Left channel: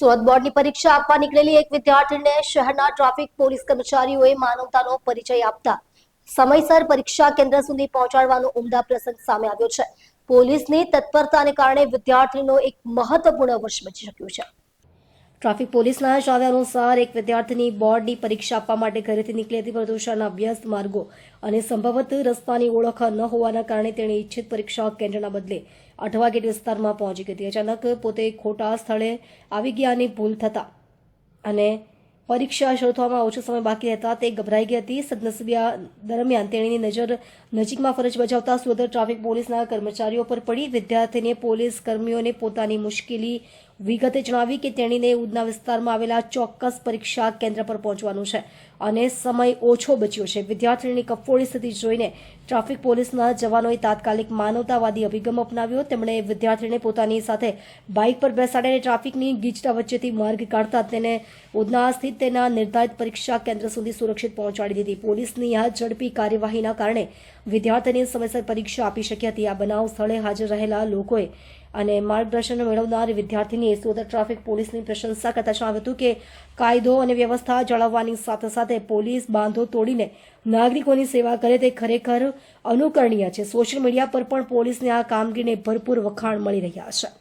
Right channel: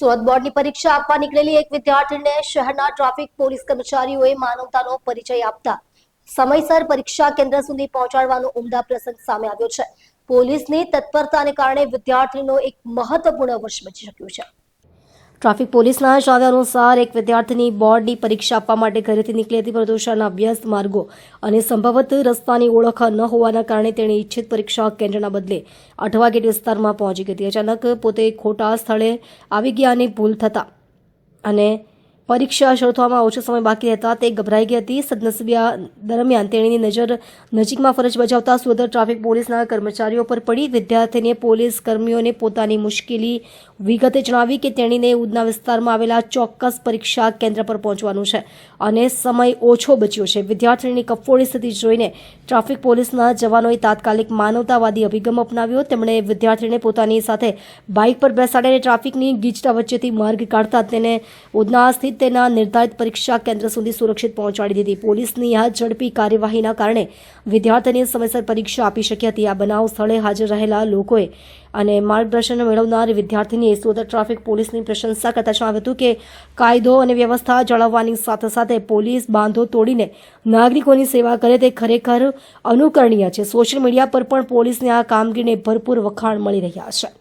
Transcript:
સુરત બોર્ડની પરીક્ષા આપવા નીકળેલી એક વિદ્યાર્થીને શહેરના ટ્રાફિક પોલીસ કર્મચારીઓએ માનવતાનો પરિચય આપતા સમયસર પરીક્ષા કેન્દ્ર સુધી પહોંચાડવાનો ઉમદા પ્રસંગ સામે આવ્યો છે. પોલીસની તત્પરતાને કારણે વિદ્યાર્થીનો એક મહત્વપૂર્ણ વર્ષ બચી શક્યું છે. ટ્રાફિક પોલીસના જણાવ્યા અનુસાર એક વિદ્યાર્થીની બોર્ડની પરીક્ષા આપવા માટે ઘરેથી નીકળી હતી, પરંતુ શહેરના વ્યસ્ત માર્ગો અને સંભવત રસ્તાની ઓળખ ન હોવાના કારણે તેણે ઈચ્છિત પરીક્ષા કેન્દ્રના બદલે અઠવા ગેટ વિસ્તારમાં પહોંચી ગઈ હતી. અચાનક પોતે ખોટા સ્થળે આવી ગયા અને ભૂલ થતા અને પરીક્ષા શરૂ થવામાં ઓછો સમય બાકી રહેતા તે ગભરાઈ ગઈ હતી. સદનસીબે દરમિયાન તેણીની નજર નજીકમાં ફરજ બજાવતા સુરત ટ્રાફિક પોલીસના કર્મચારીઓ પર પડી. વિદ્યાર્થીને પોલીસ કર્મીઓને પોતાની મુશ્કેલી વિગતે જણાવી કે તેણીને ઉધના વિસ્તારમાં આવેલા ચોક્કસ પરીક્ષા કેન્દ્ર પર પહોંચવાનું છે અને સમય ઓછો બચ્યો છે. વિદ્યાર્થીની કફોડી સ્થિતિ જોઈને ટ્રાફિક પોલીસના જવાનોએ તાત્કાલિક માનવતાવાદી અભિગમ અપનાવ્યો. તેમણે વિદ્યાર્થીને પોતાની સાથે બાઇક પર બેસાડીને ટ્રાફિકની ગીચતા વચ્ચેથી માર્ગ કાઢતા તેને ઉધના સ્થિત તેના નિર્ધારિત પરીક્ષા કેન્દ્ર સુધી સુરક્ષિત પહોંચાડી દીધી. પોલીસની આ ઝડપી કાર્યવાહીના કારણે વિદ્યાર્થીને સમયસર પરીક્ષા આપી શકી હતી. આ બનાવ સ્થળે હાજર રહેલા લોકોએ અને માર્ગદર્શન મેળવનાર વિદ્યાર્થીનીએ સુરત ટ્રાફિક પોલીસની પ્રશંસા કરતા જણાવ્યું હતું કે કાયદો અને વ્યવસ્થા જાળવવાની સાથે સાથે પોલીસ બાંધો તોડીને નાગરિકોની સેવા કરે તે ખરેખર અનુકરણીય છે. સોશિયલ મીડિયા પર પણ પોલીસની આ કામગીરીને ભરપૂર વખાણ મળી રહ્યા છે.